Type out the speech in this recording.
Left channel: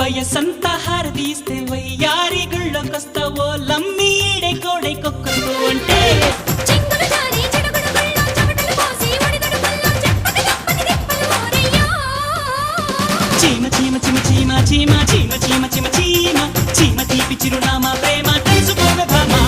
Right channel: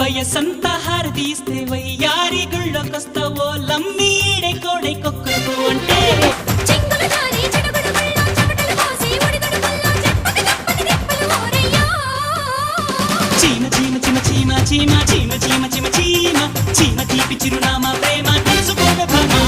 వయసంతా హారదీస్తే వయ్యారి గుళ్ళొకొస్తావో లమ్మి ఈడే కోడై కొక్కరు అంటే చీమ చీమ చీమ చీమ చీమ చీమ చీమ చీమ చీమ చీమ తీపి చిరునామా ప్రేమ తెలుసుకోవే భామా.